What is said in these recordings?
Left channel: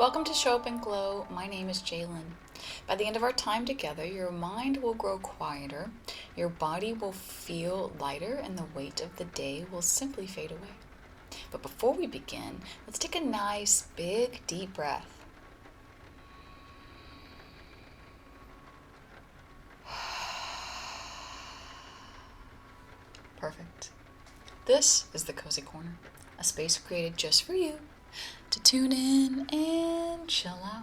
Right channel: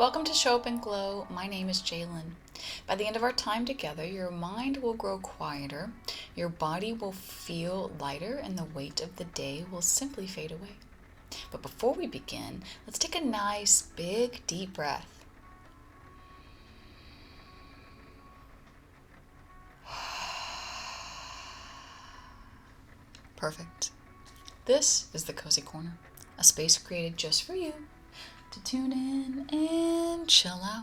Welcome to Show Up and Glow. My name is Jalen. By the end of our time together, your mind will grow quieter, your body will feel lighter, and the weight of the day will simply fade away. But before we begin, let's take a nice, big, deep breath. Perfect. This is the Cozy Corner, a space created just for you to tune in and chill out.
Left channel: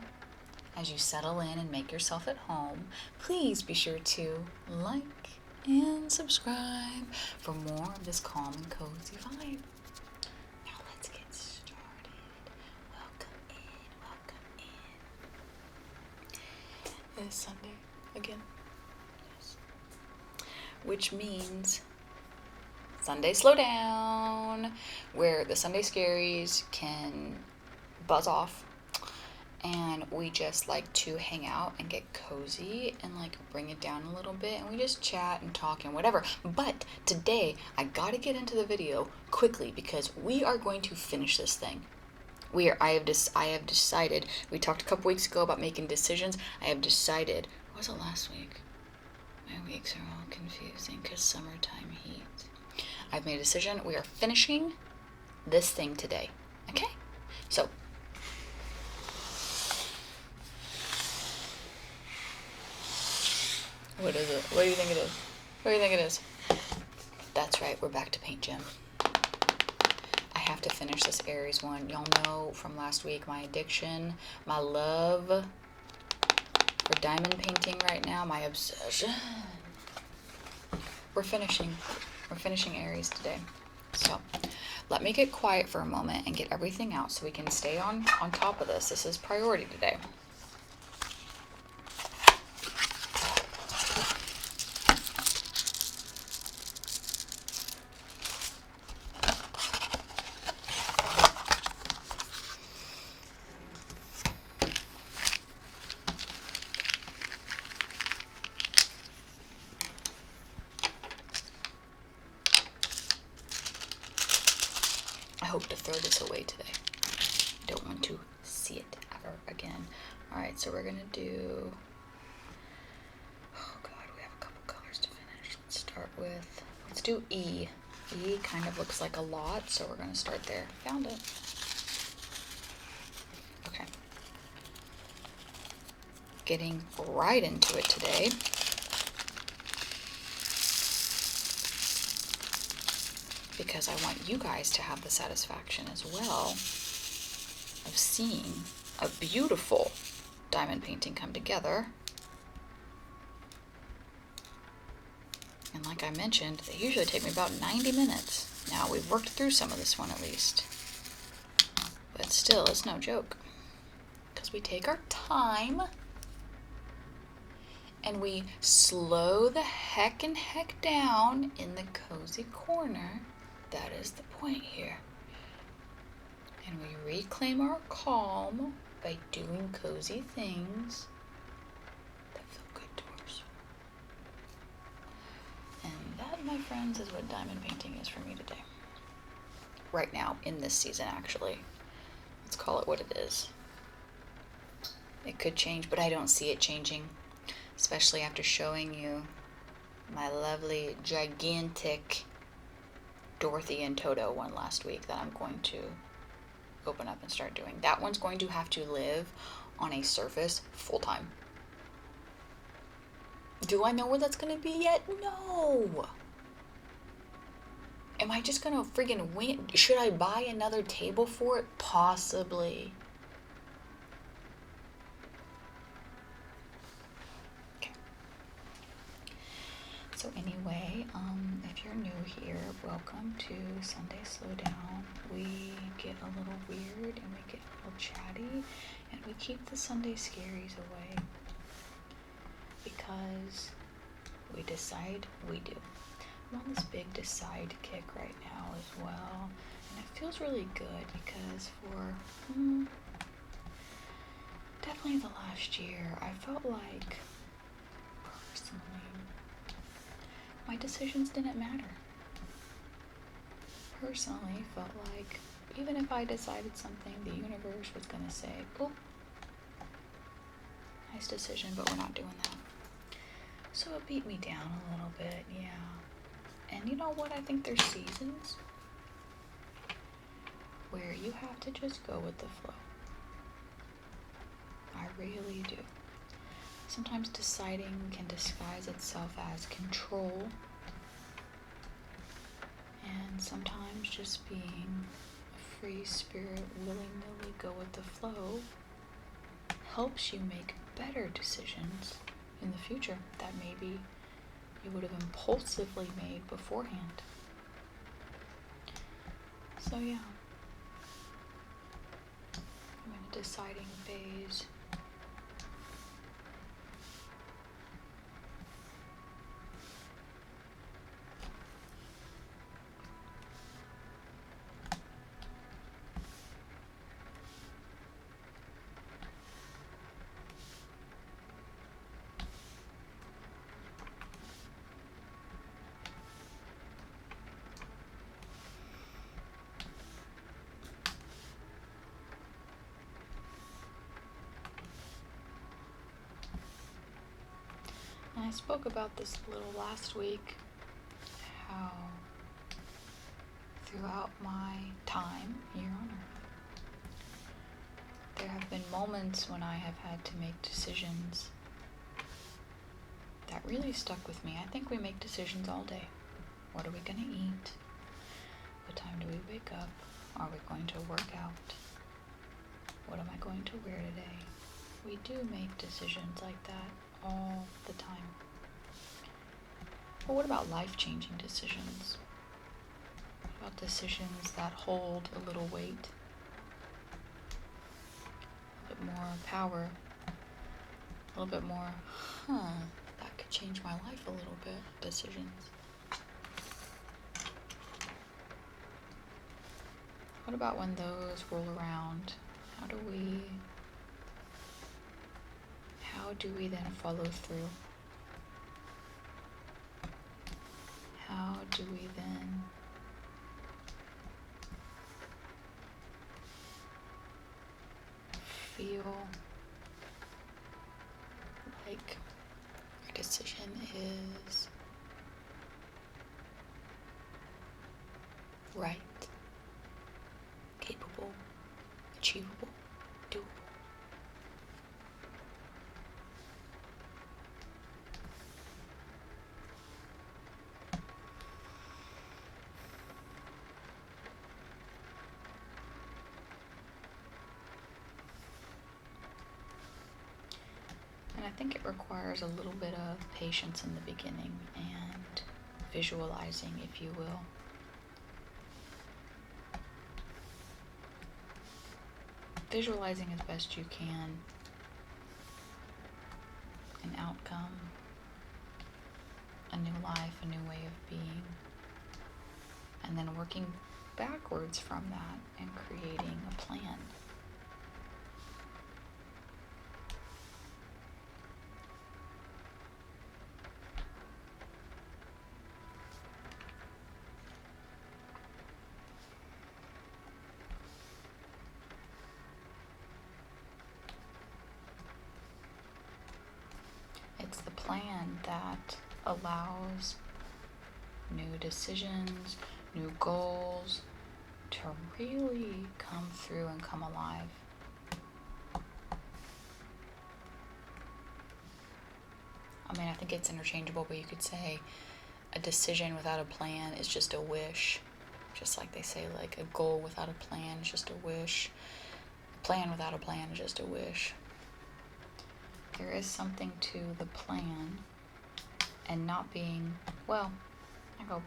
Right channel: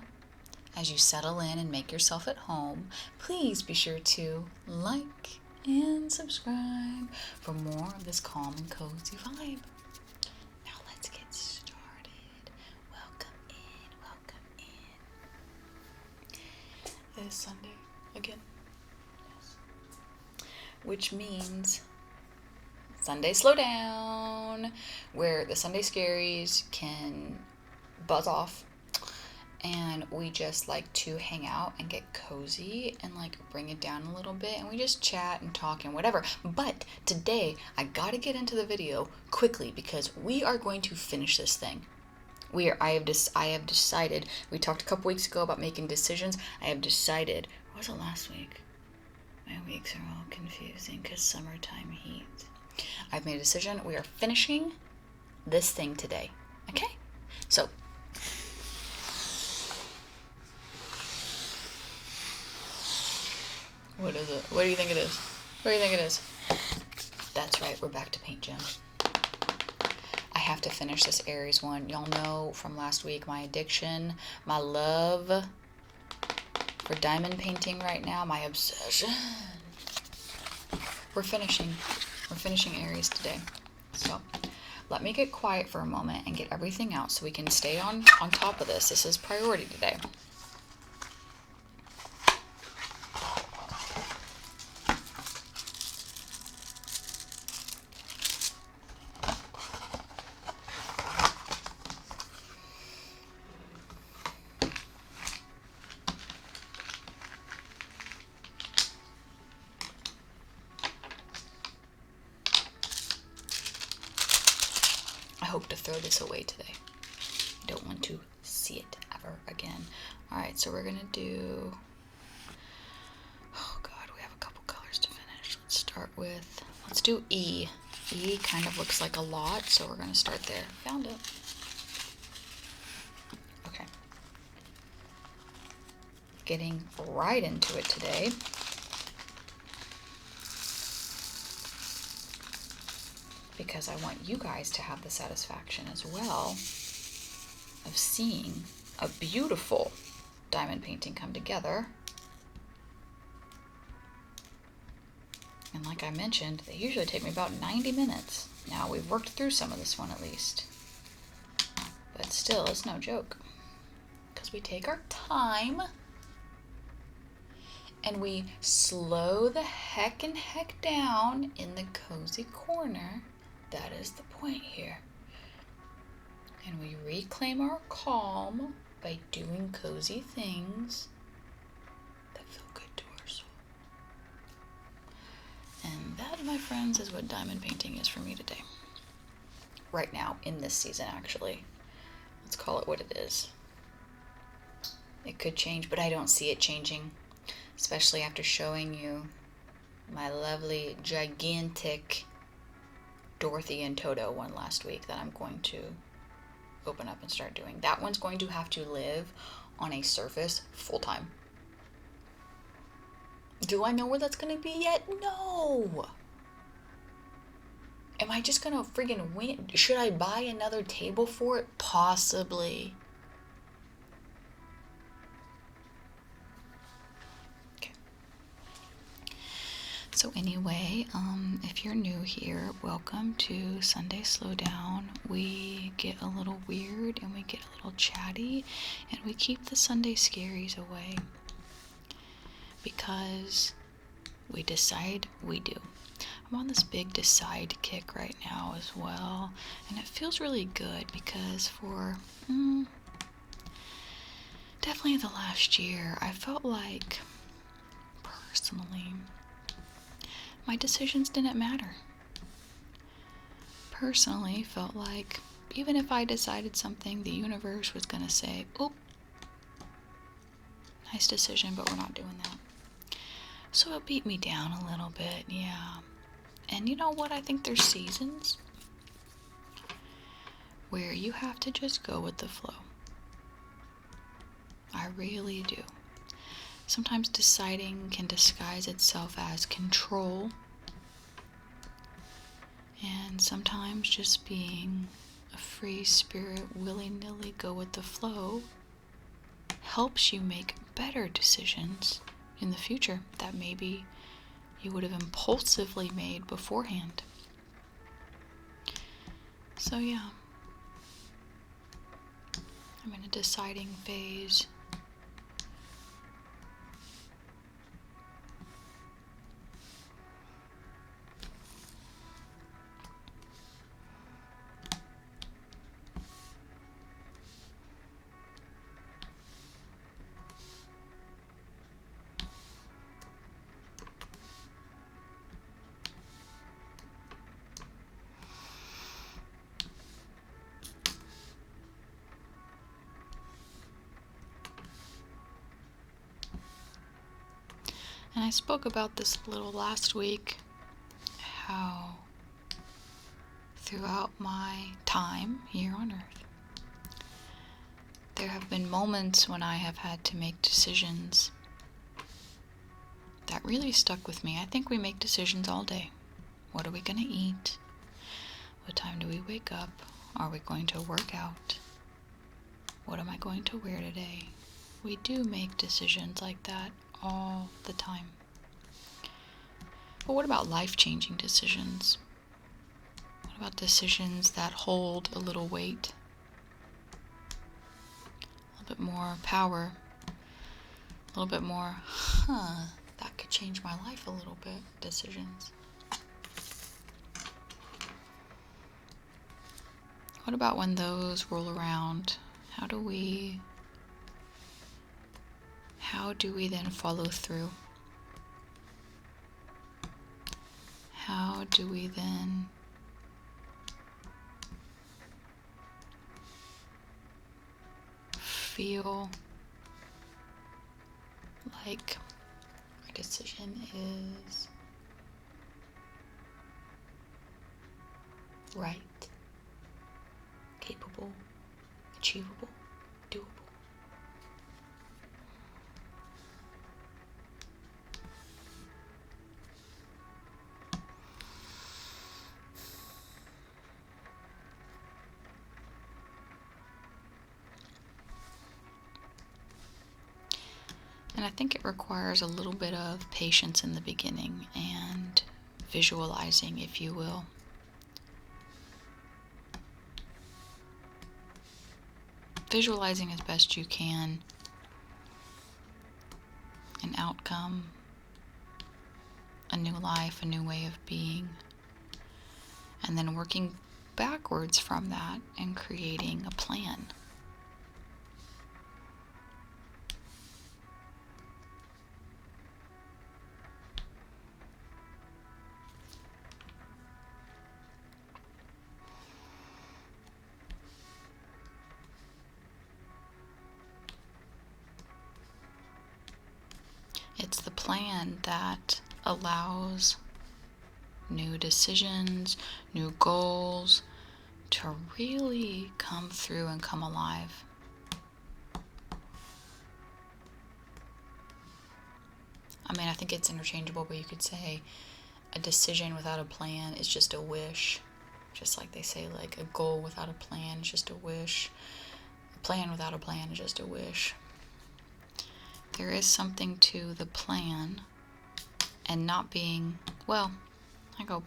As you settle in and make yourself at home, please be sure to like and subscribe for more of this calm and cozy vibe. Now let's get started. Welcome in. It is Sunday again. Yes. Which means Sunday Slowdown, where the Sunday scaries can buzz off and we just like to hang out and get cozy and like bring it down a little bit, and we just chat and talk and whatever. But today I gotta get into the video quickly because we are going to finish this thing. I have decided, we talked a couple weeks ago about making decisions. I have decided, what was it last week? My weeks are all confusing because summertime heat. I've made a decision. We are finishing this thing today. Okay? So, what is it? What do you think it is? What do you think it is? That's right, we're back to Paint Gym. I have to finish this Aries one. Y'all know from last week my addiction, my love for diamond painting right now, my obsession. We're finishing Aries today. So let me get quiet for a moment and get everything out so we can stay on top of this. This is priority today. I hope to throw this away today. I don't want to see it ever again. Alright, so we're going to do... Oh god, we have a couple colors to finish. Let's start with... Let's do E. E kind of looks like a lot, so we're going to start there. Found it. Okay. Getting right into it today. Because I want you guys to have the satisfaction as well of seeing a beautiful diamond painting come together. And like I mentioned, they usually take me about 90 minutes. Now we've worked through some of this one at least. But still, it's no joke. Because we take our time and we slow the heck down in the cozy corner. That is the point here. And we reclaim our calm by doing cozy things that feel good to our soul. And that, my friends, is what diamond painting is for me today. Right now, in this season, actually. Let's call it what it is. It could change, but I don't see it changing. Especially after showing you my lovely, gigantic Dorothy and Toto one last week that I'm going to open up and start doing. That one's going to have to live on a surface full time. Do I know where that's going to be yet? No. Am I just going to friggin' win? Should I buy another table for it? Possibly. So anyway, if you're new here, welcome to Sunday Slowdown. We get a little weird and we get a little chatty and we keep the Sunday scaries away because we decide we do. I'm on this big decide kick right now as well, and it feels really good because for definitely the last year, I felt like personally my decisions didn't matter. Personally, felt like even if I decided something, the universe was going to say, oh, Nice decision, but we're not doing that. So it beat me down a little bit, yeah. And you know what? I think there's seasons where you have to just go with the flow. I really do. Sometimes deciding can disguise itself as control, and sometimes just being a free spirit, willy-nilly go with the flow, helps you make better decisions in the future that maybe you would have impulsively made beforehand. So yeah, I'm in a deciding phase. And I spoke about this a little last week, how throughout my time here on earth, there have been moments when I have had to make decisions that really stuck with me. I think we make decisions all day. What are we going to eat? What time do we wake up? Are we going to work out? What am I going to wear today? We do make decisions like that all the time. But what about life-changing decisions? What about decisions that hold a little weight? A little bit more power? A little bit more, that could change my life a little bit, decisions. What about when those roll around? How do we then follow through? How do we then feel like our decision is right, capable, achievable, doable? And I think it requires a little bit of patience in the beginning and visualizing, if you will. Visualizing as best you can an outcome, a new life, a new way of being, and then working backwards from that and creating a plan. It's the plan that allows new decisions, new goals to really come through and come alive. I mean, I think it's interchangeable, but you could say a decision without a plan is just a wish. Just like they say, like, a goal without a plan is just a wish. A plan without a plan is just a wish. There is something to the plan and not being, well, I go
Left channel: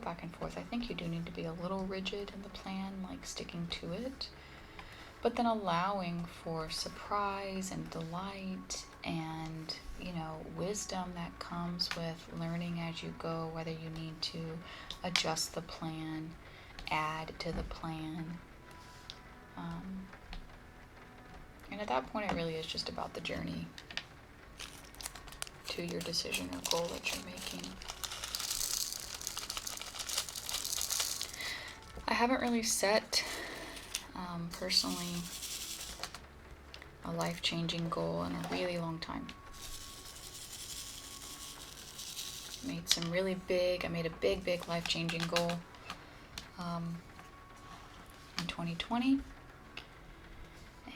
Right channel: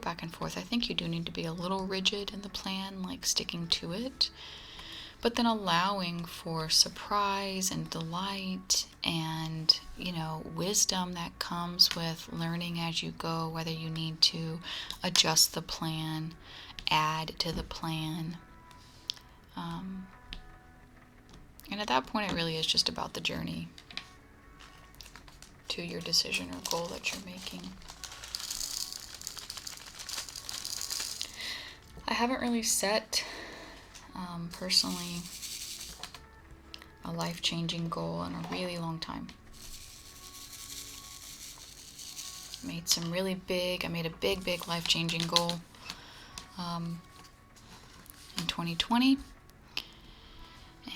back and forth. I think you do need to be a little rigid in the plan, like sticking to it, but then allowing for surprise and delight and, wisdom that comes with learning as you go, whether you need to adjust the plan, add to the plan. And at that point, it really is just about the journey to your decision or goal that you're making. I haven't really set, personally, a life-changing goal in a really long time. I made a big life-changing goal in 2020.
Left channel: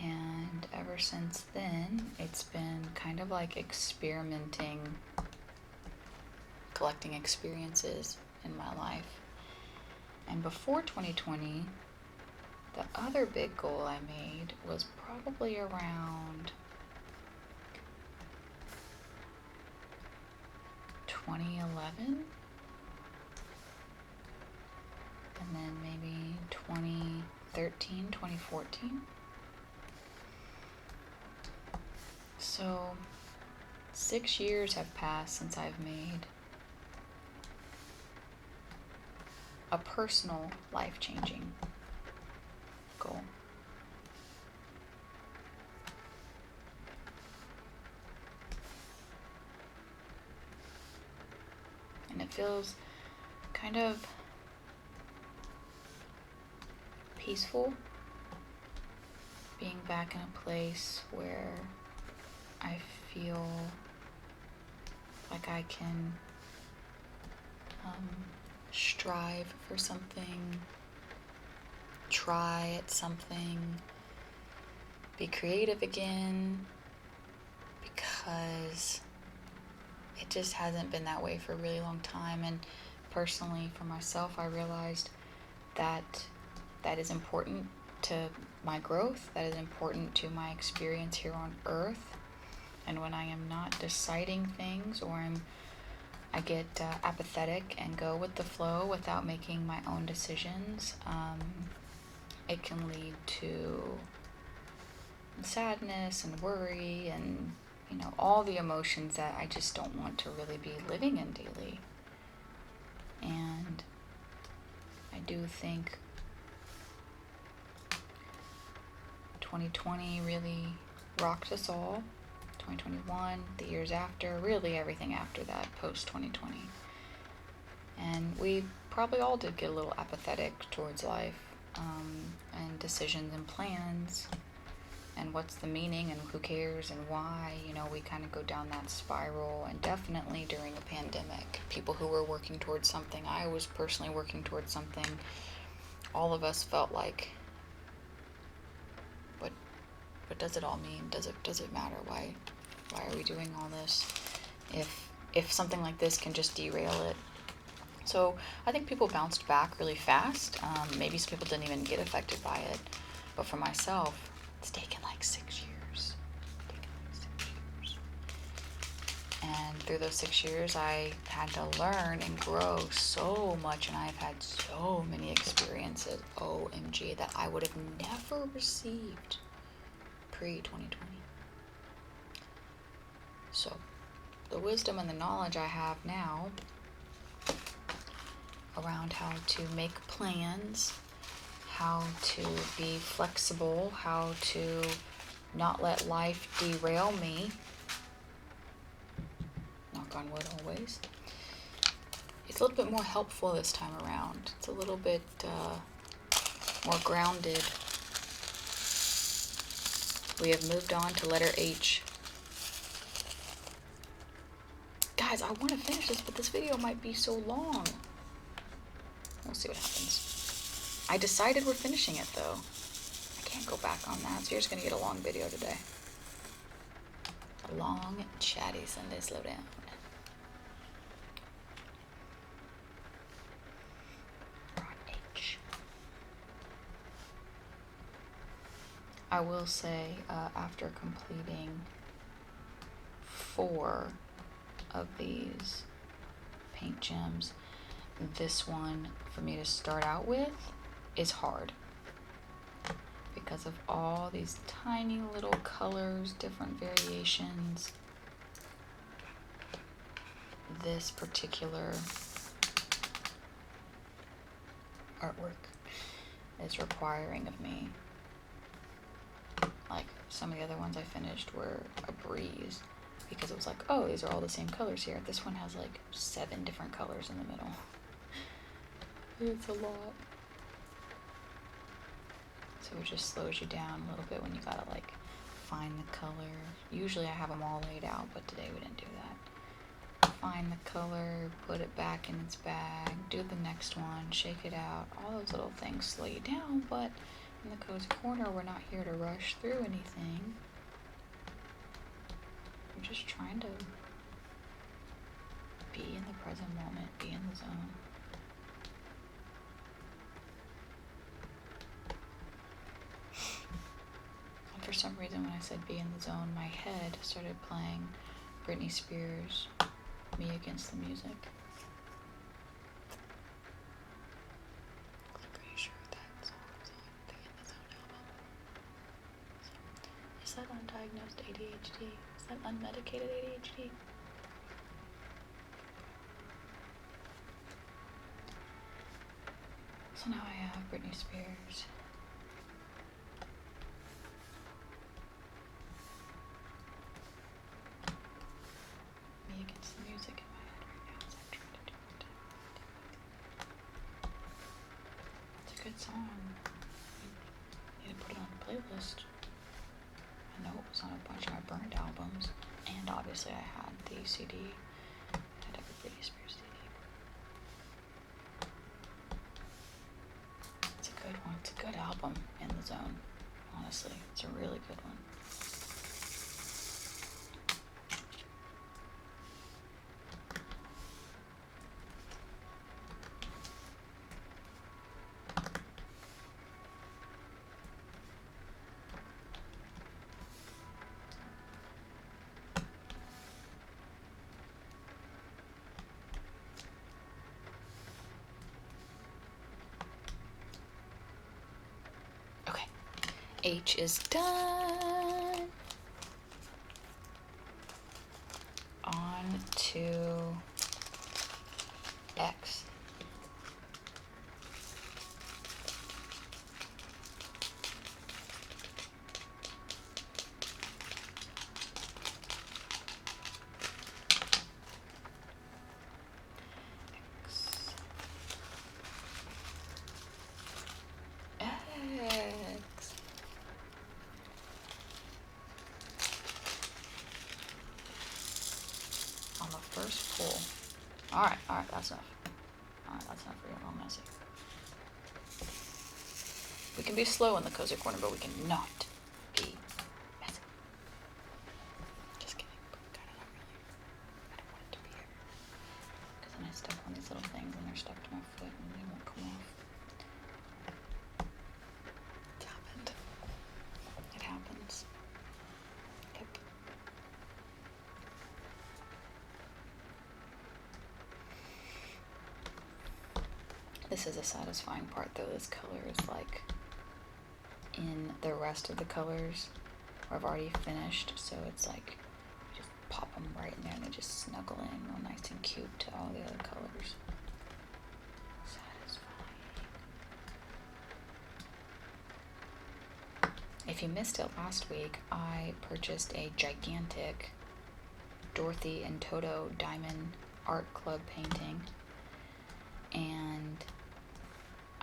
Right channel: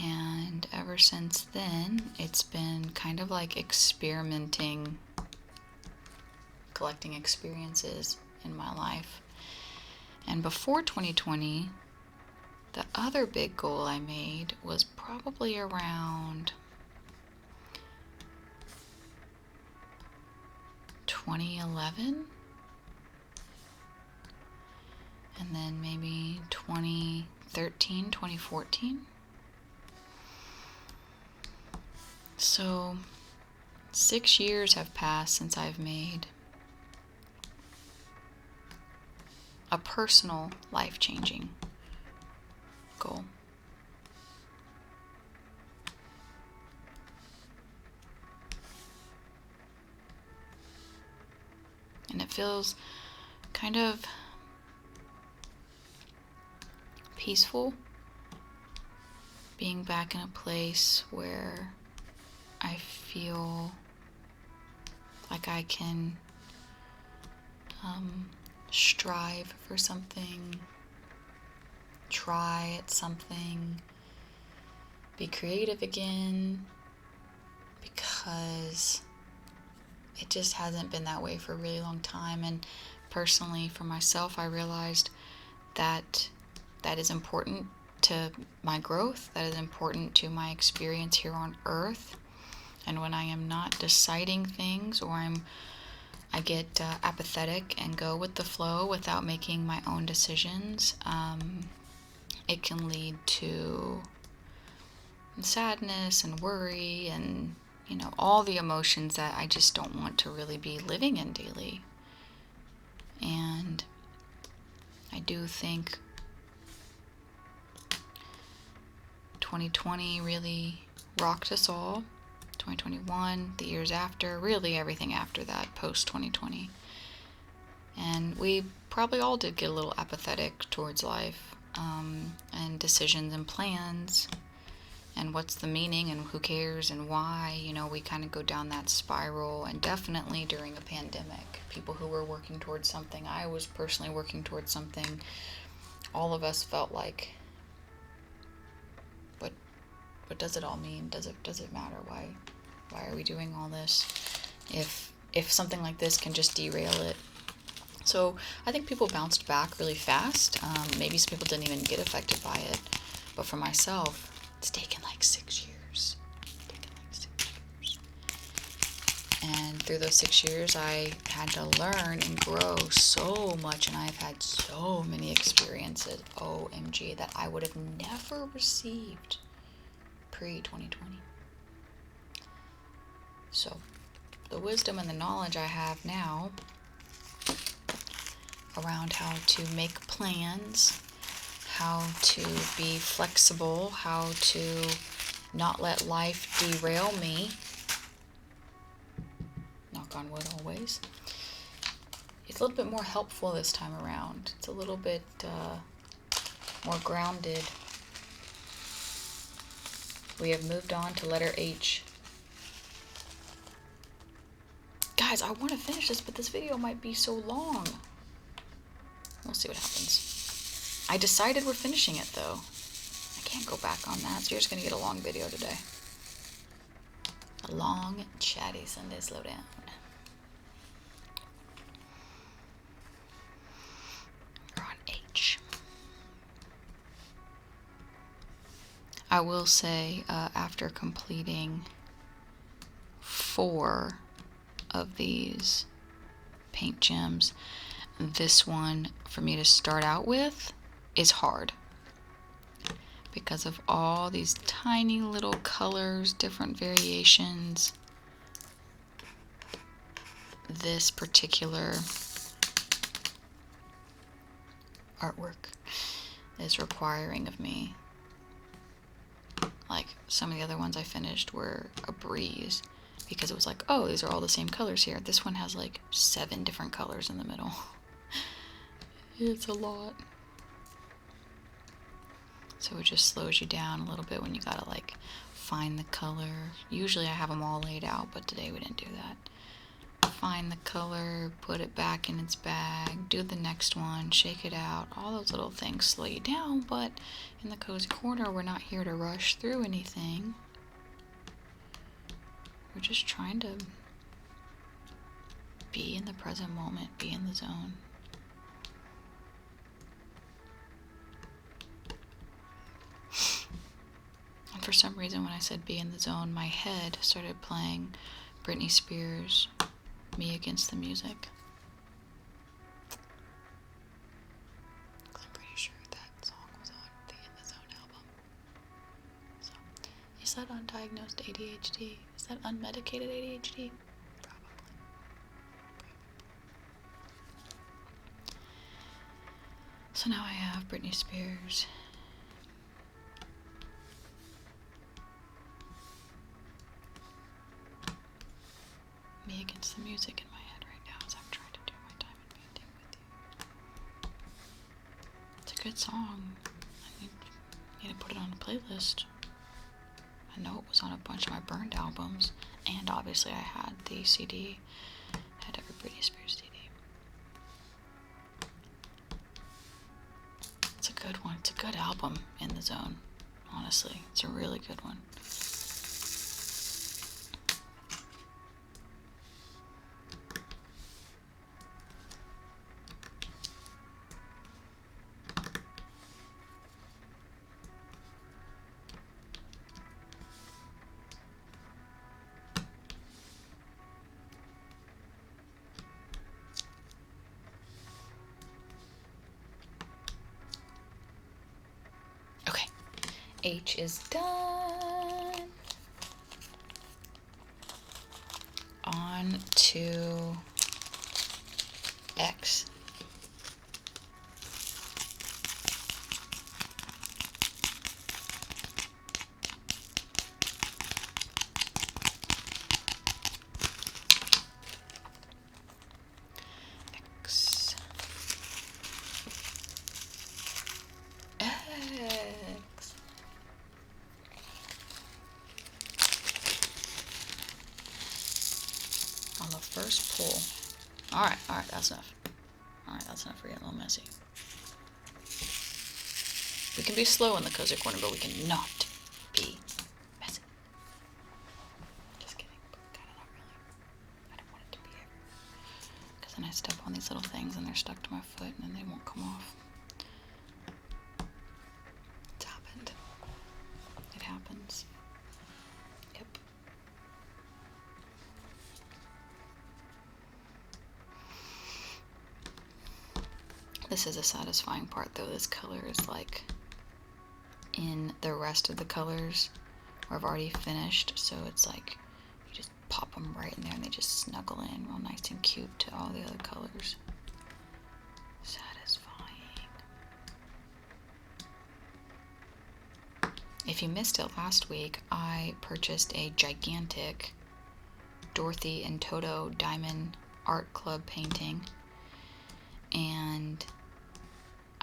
And ever since then, it's been kind of like experimenting, collecting experiences in my life. And before 2020, the other big goal I made was probably around 2011, and then maybe 2013, 2014. So 6 years have passed since I've made a personal, life-changing goal. And it feels kind of peaceful being back in a place where I feel like I can strive for something, try at something, be creative again, because it just hasn't been that way for a really long time. And personally, for myself, I realized that that is important to my growth, that is important to my experience here on earth. And when I am not deciding things, or I get apathetic and go with the flow without making my own decisions, it can lead to sadness and worry and, all the emotions that I just don't want to really be living in daily. And I do think 2020 really rocked us all. 2021, the years after, really everything after that, post 2020. And we probably all did get a little apathetic towards life, and decisions and plans, and what's the meaning and who cares and why. We kind of go down that spiral. And definitely during a pandemic, people who were working towards something, I was personally working towards something, all of us felt like, what does it all mean? Does it matter? Why are we doing all this if something like this can just derail it? So I think people bounced back really fast. Maybe some people didn't even get affected by it, but for myself, it's taken like 6 years. And through those 6 years, I had to learn and grow so much, and I've had so many experiences, OMG, that I would have never received pre-2020. So the wisdom and the knowledge I have now around how to make plans, how to be flexible, how to not let life derail me, knock on wood always, it's a little bit more helpful this time around. It's a little bit more grounded. We have moved on to letter H. Guys, I want to finish this, but this video might be so long. We'll see what happens. I decided we're finishing it, though. I can't go back on that, so you're just going to get a long video today. A long, chatty Sunday Slowdown. We're on H. I will say, after completing 4 of these paint gems, this one for me to start out with is hard because of all these tiny little colors, different variations. This particular artwork is requiring of me. Like, some of the other ones I finished were a breeze because it was like, oh, these are all the same colors here. This one has like 7 different colors in the middle. It's a lot. So it just slows you down a little bit when you gotta like find the color. Usually I have them all laid out, but today we didn't do that. Find the color, put it back in its bag, do the next one, shake it out. All those little things slow you down, but in the cozy corner, we're not here to rush through anything. We're just trying to be in the present moment, be in the zone. And for some reason, when I said be in the zone, my head started playing Britney Spears' Me Against the Music. I'm pretty sure that song was on the In the Zone album. So, is that undiagnosed ADHD? Is that unmedicated ADHD? So now I have Britney Spears. Me Against the Music in my head right now as I'm trying to do my diamond painting with you. It's a good song. I need to put it on a playlist. I know it was on a bunch of my burned albums, and obviously I had the CD. I had every Britney Spears CD. It's a good one. It's a good album, In the Zone. Honestly, it's a really good one. Okay, H is done. On to X. X. X. On the first pull. Alright, that's enough. Alright, that's enough for getting a little messy. We can be slow in the cozy corner, but we cannot be messy. Just kidding, but kind of not really. I don't want it to be here. Because then I step on these little things and they're stuck to my foot and they won't come off. It's happened. It happens. Yep. This is a satisfying part though. This color is like in the rest of the colors where I've already finished, so it's like you just pop them right in there and they just snuggle in real nice and cute to all the other colors. Satisfying. If you missed it last week, I purchased a gigantic Dorothy and Toto Diamond Art Club painting, and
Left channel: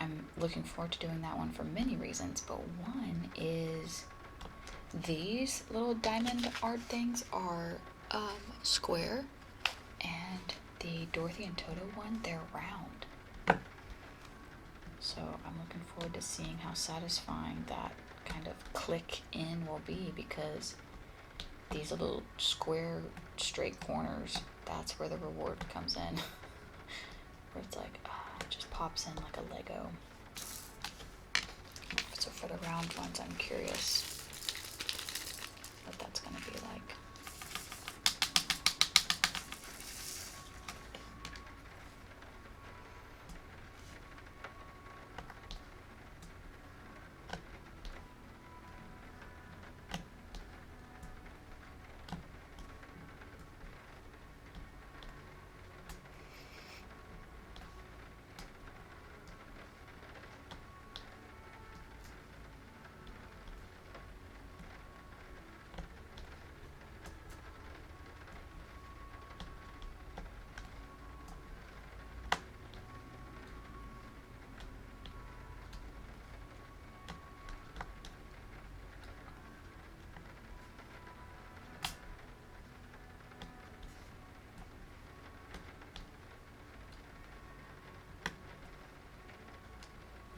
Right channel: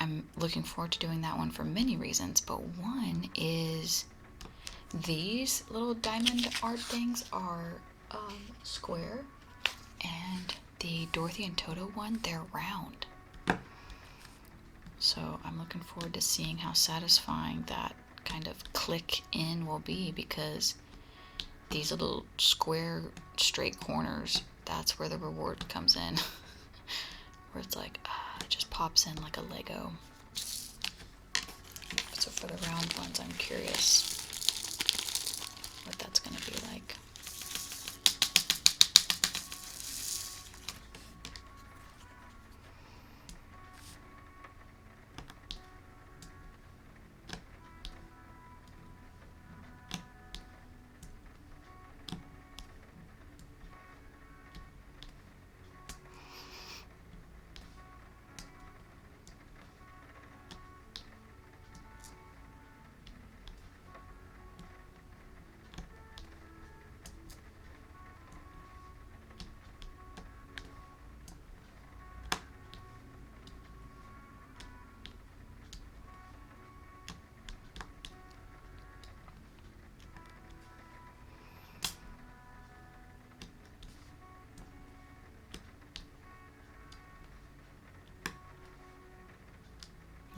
I'm looking forward to doing that one for many reasons, but one is these little diamond art things are square, and the Dorothy and Toto one, they're round. So I'm looking forward to seeing how satisfying that kind of click in will be, because these little square straight corners, that's where the reward comes in. Where it's like, it just pops in like a Lego. So for the round ones, I'm curious what that's going to be like.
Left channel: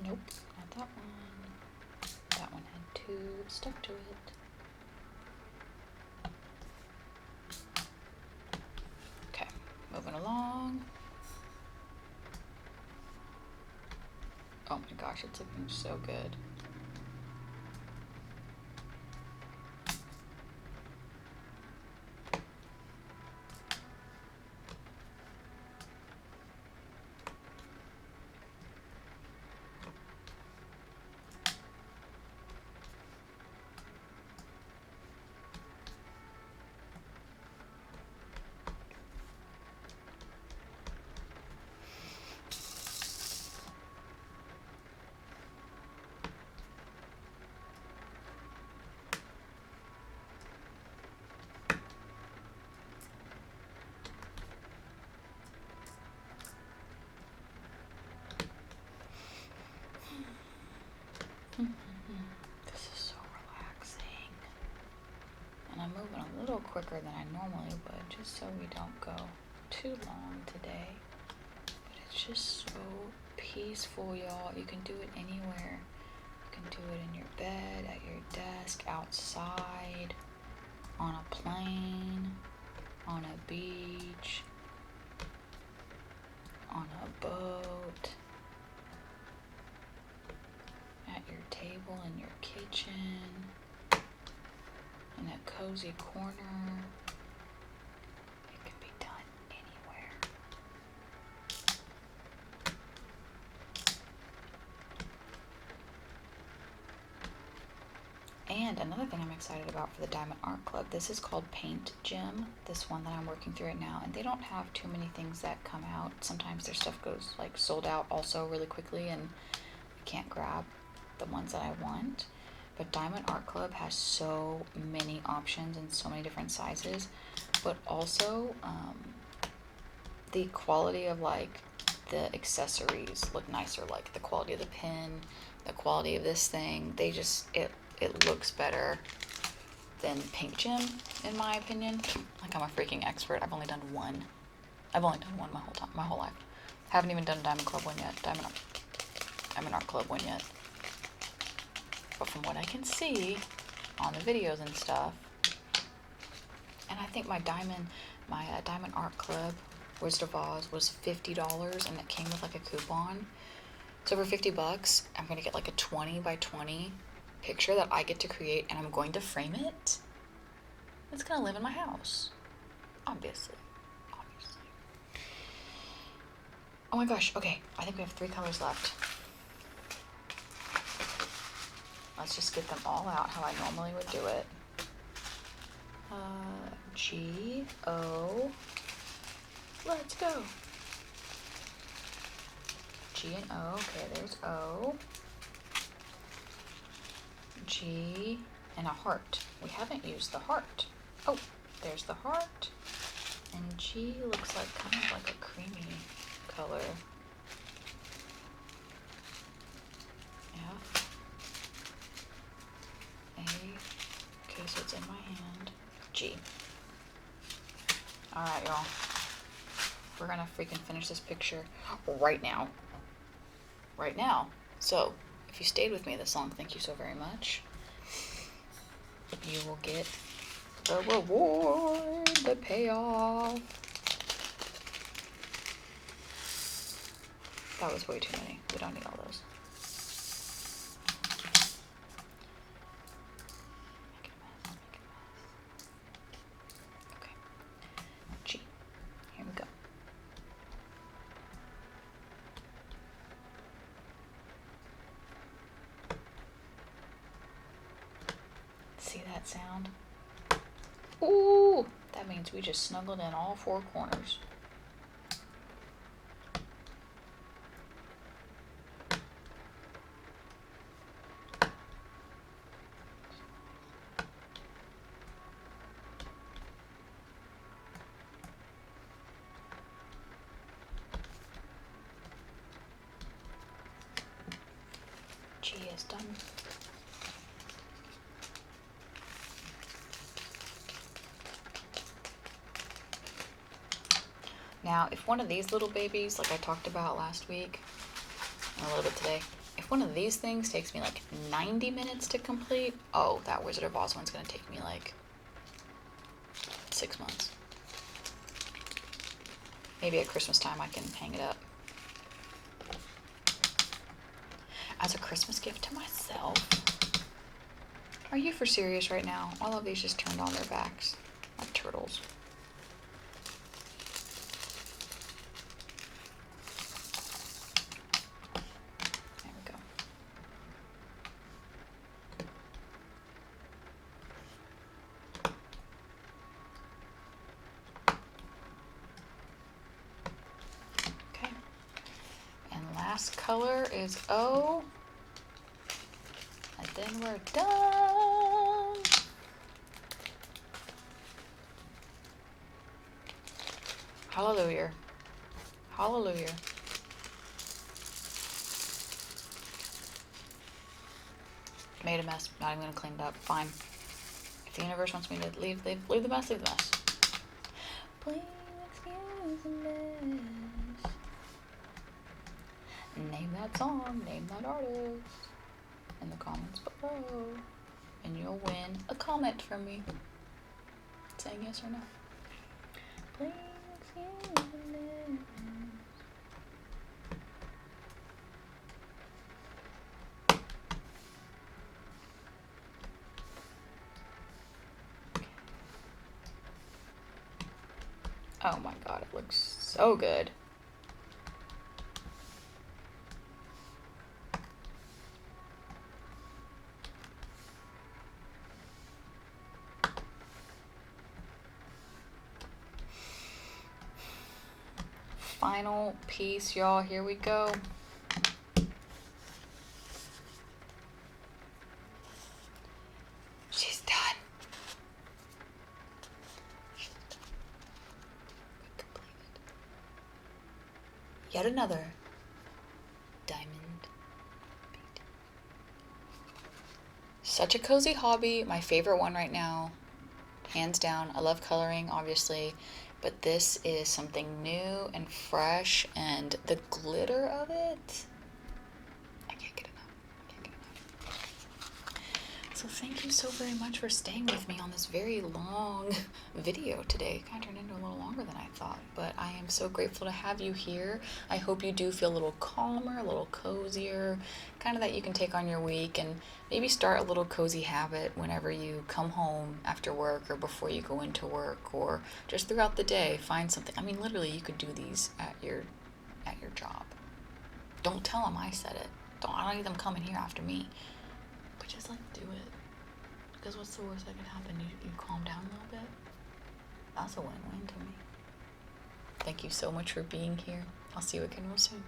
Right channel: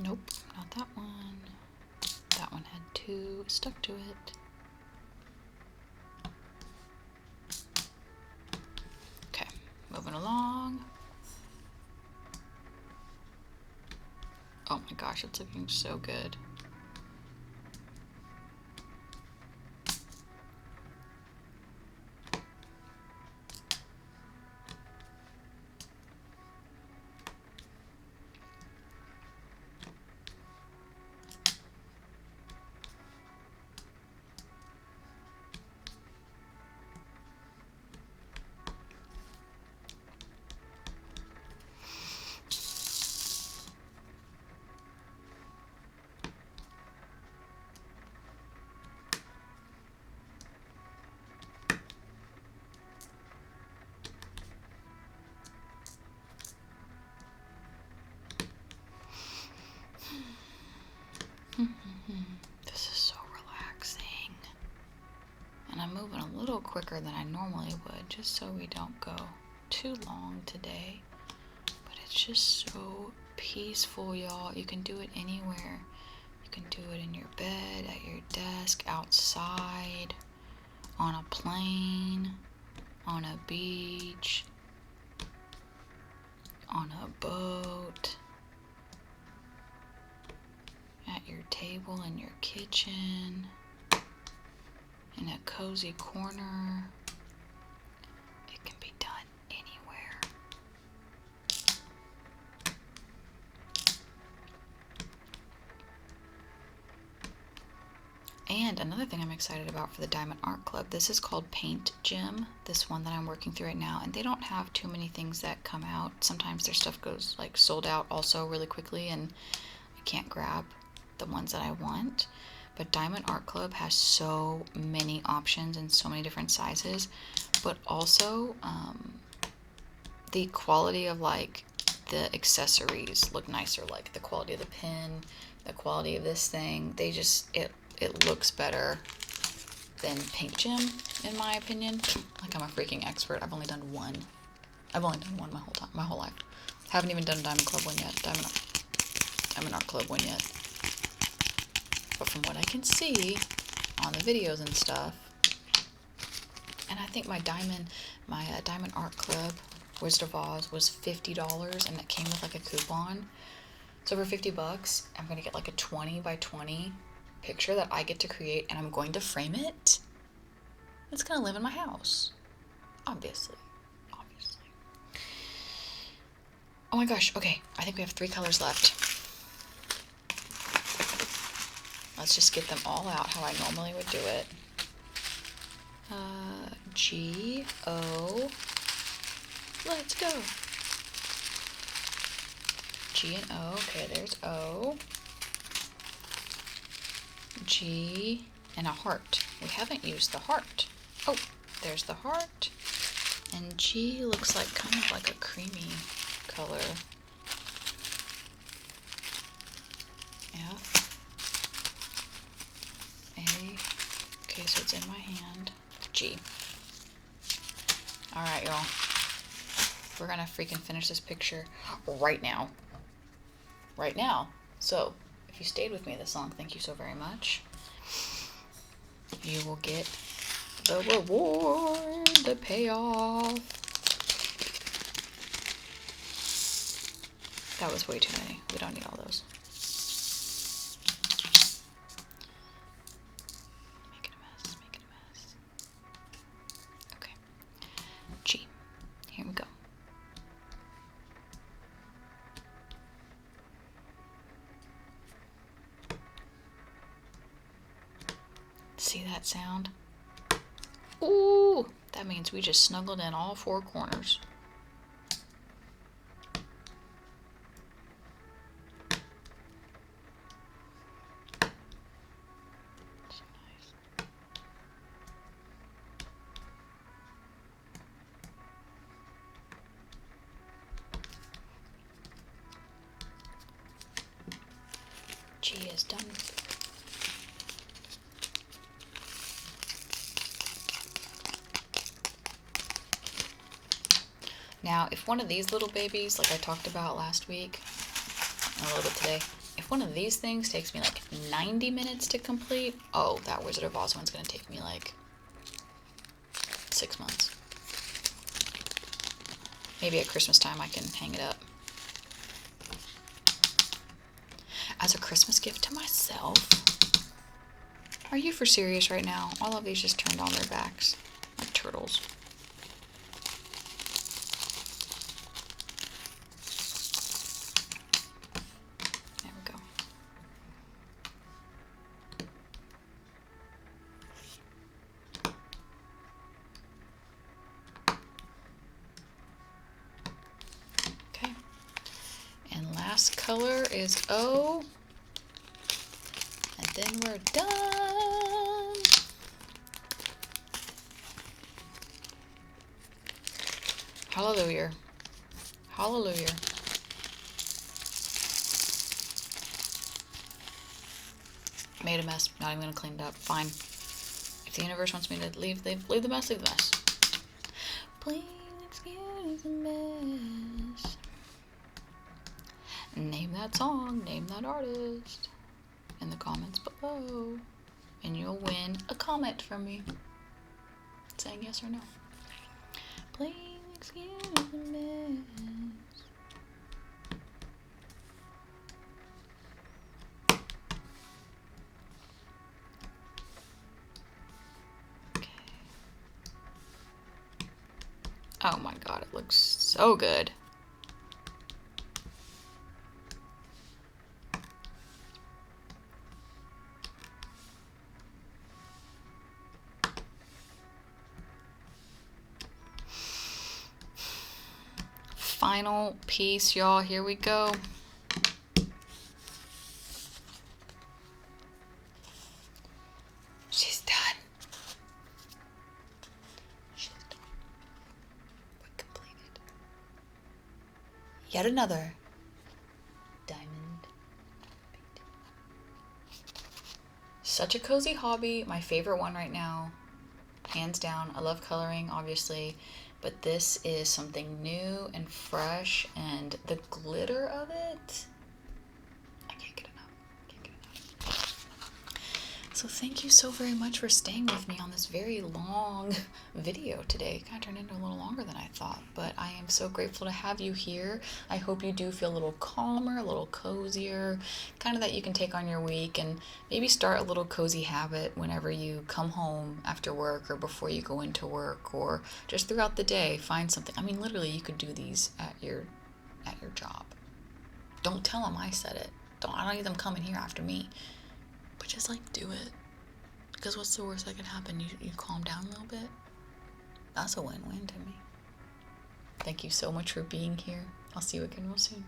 Nope, not that one. That one had 2 stuck to it. Okay, moving along. Oh my gosh, it's looking so good. This is so relaxing. And I'm moving a little quicker than I normally would, just so we don't go too long today. But it's just so peaceful, y'all. You can do it anywhere. You can do it in your bed, at your desk, outside, on a plane, on a beach, on a boat, at your table in your kitchen, in a cozy corner. It can be done anywhere. And another thing I'm excited about for the Diamond Art Club, this is called Paint Gym, this one that I'm working through right now, and they don't have too many things that come out. Sometimes their stuff goes like sold out also really quickly, and I can't grab the ones that I want. But Diamond Art Club has so many options and so many different sizes, but also the quality of like the accessories look nicer, like the quality of the pin, the quality of this thing. They just, it looks better than Paint Gym, in my opinion. Like, I'm a freaking expert. I've only done one my whole life. Haven't even done a Diamond Club one yet. Diamond Art Club one yet. But from what I can see on the videos and stuff, and I think my Diamond Art Club Wizard of Oz was $50, and it came with like a coupon. So for $50, I'm gonna get like a 20 by 20 picture that I get to create, and I'm going to frame it. It's gonna live in my house, obviously. Oh my gosh, okay, I think we have 3 colors left. Let's just get them all out how I normally would do it. G, O, let's go. G and O, okay, there's O. G and a heart. We haven't used the heart. Oh, there's the heart. And G looks like kind of like a creamy color. Yeah. A. Okay, so it's in my hand. G. Alright, y'all. We're gonna freaking finish this picture right now. Right now. So, if you stayed with me this long, thank you so very much. You will get the reward, the payoff. That was way too many. We don't need all those. Make it a mess, make it a mess. Okay. G. Here we go. See that sound? Ooh! That means we just snuggled in all 4 corners. G is done. Now, if one of these little babies, like I talked about last week, and a little bit today, If one of these things takes me like 90 minutes to complete, oh, that Wizard of Oz one's gonna take me like 6 months. Maybe at Christmas time I can hang it up. As a Christmas gift to myself. Are you for serious right now? All of these just turned on their backs like turtles. There we go. Okay. And last color is O. And then we're done. Hallelujah. Hallelujah. Made a mess. Not even gonna clean it up. Fine. If the universe wants me to leave the mess, leave the mess. Please excuse the mess. Name that song, name that artist in the comments below, and you'll win a comment from me saying yes or no. Please excuse the mess. Okay. Oh my god, it looks so good. Final piece, y'all. Here we go. She's done. She's done. Completed. Yet another diamond. Such a cozy hobby. My favorite one right now. Hands down. I love coloring, obviously. But this is something new and fresh, and the glitter of it, I can't get enough. So thank you so very much for staying with me on this very long video today. It kind of turned into a little longer than I thought, but I am so grateful to have you here. I hope you do feel a little calmer, a little cozier, kind of that you can take on your week and maybe start a little cozy habit whenever you come home after work or before you go into work or just throughout the day. Find something. I mean, literally, you could do these at your job. Don't tell them I said it. I don't need them coming here after me. But just like do it. Because what's the worst that can happen? You calm down a little bit. That's a win-win to me. Thank you so much for being here. I'll see you again real soon.